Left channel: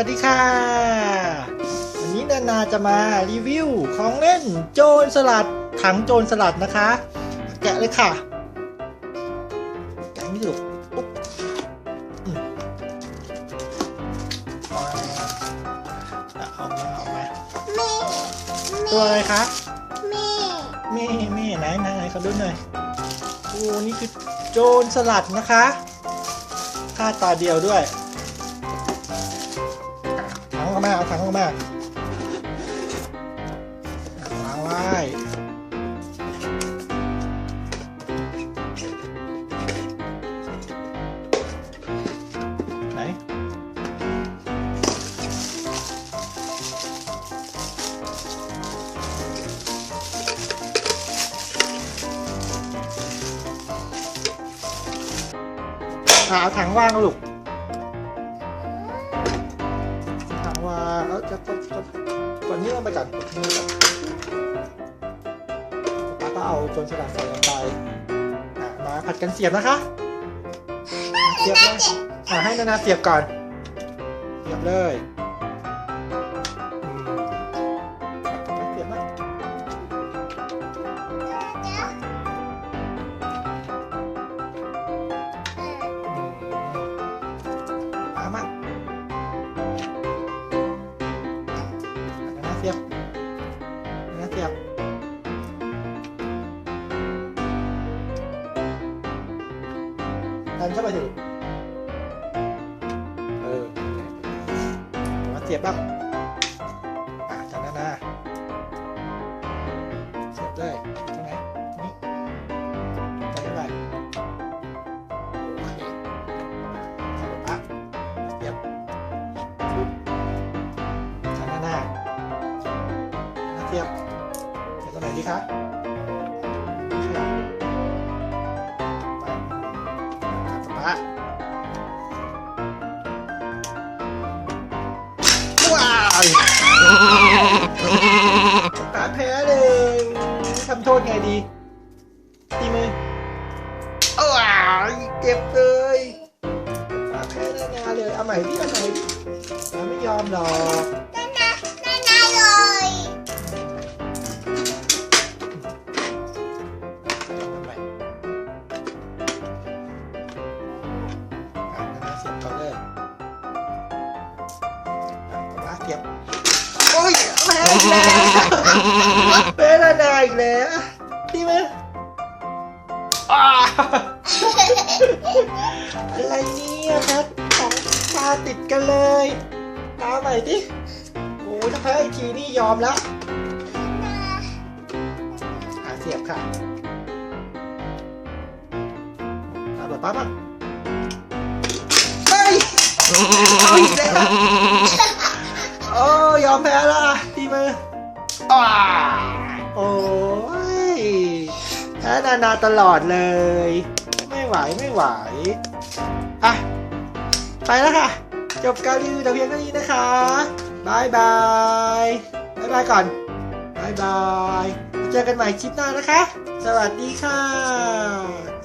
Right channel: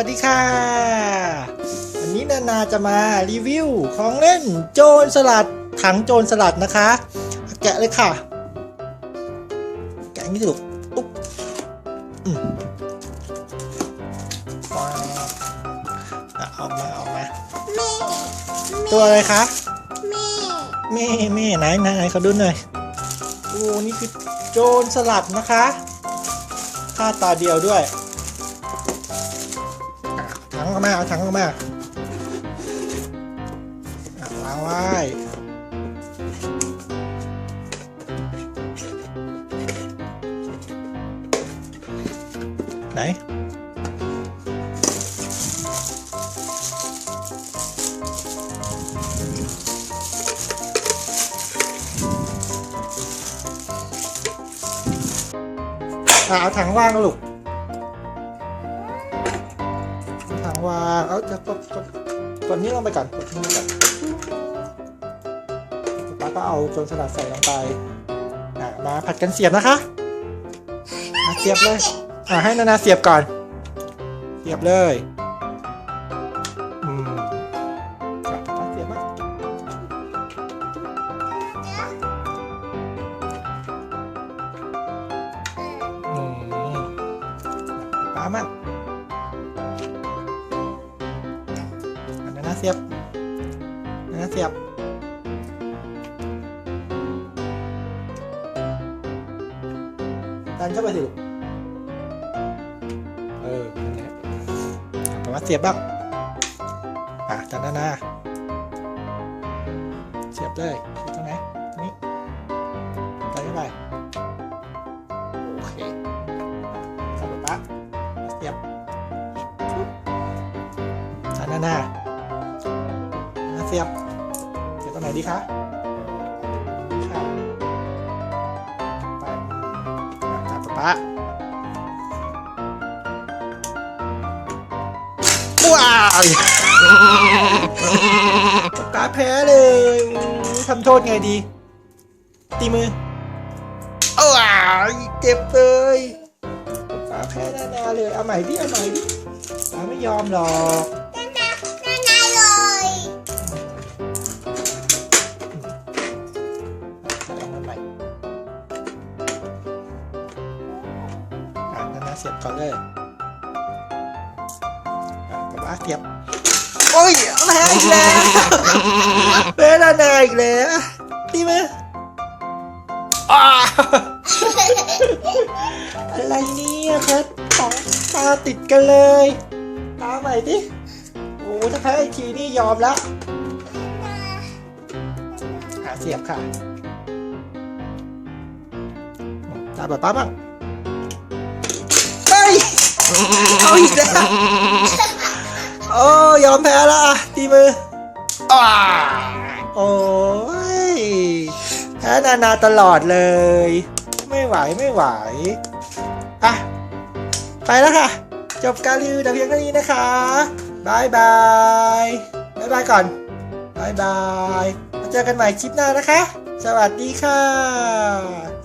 วัสดีค่ะ วันนี้นานาจะมารีวิวของเล่นโจรสลัดถังโจรสลัดนะคะ แกะเลยค่ะ แกะไม่ถูกอุ๊บอืมว้าวอะออกมาออกมาแม่ตัวอะไรคะแม่แม่แม่ไหนไหนไหนเขาดูหน่อยโอ้นี่คือโจรสลัดนะคะค่าตาเดียวด้วย ถังก็มาเอาถังก็มาอ่วางไว้ไหนเอาถังว่างลูก ก่อนนี้ลงไปก่อนกดทิ้งไว้ก่อนป้าก็เอาจนสลัดใส่ลงไปอะมาผัดกันเสียบนะคะมาเสียบเลยอะให้นานาเสียบก่อน เสียบเลยอืมอะเสียบไหมอืมป้ามา เสียบนานาเสียบดันเข้าไปสิลูกเออนั่นแหละผมว่าเสียบบ้างอะจันนานาเสียบได้ นาเสียบเสียบตรงไหนดีคะป๊าว้าวป๊าแพ้เลยทำโทษไงดี ตีมือว้าวเจ็บเลยป๊าแพ้แน่เลยเอาใหม่ดิเอาใหม่ดิป๊าไม่ยอมหรอก สียบก่อนเลยอะป๊าเสียบโอ้ยแพ้อีกแล้วแพ้นานาอีกแล้วตีมืออะไรเนี่ยแพ้สองตาติดกันเลยตาใหม่ดิโอ้ถ้าแพ้อีกทีนี่ยอมล้วหาเสียบค่ะตาแบบป้าบ้างเฮ้ย เอาอีกแล้วโอ้ยอมแพ้และตีมืออ่าโอ้ยแพ้นานาตลอดเลย ไม่ไหวไม่ไหวอะไปแล้วค่ะ จบการรีวิวแต่เพียงเท่านี้นะคะบายบายบายบายก่อนบายบายมาเจอกันใหม่คลิปหน้านะคะ สวัสดีค่ะ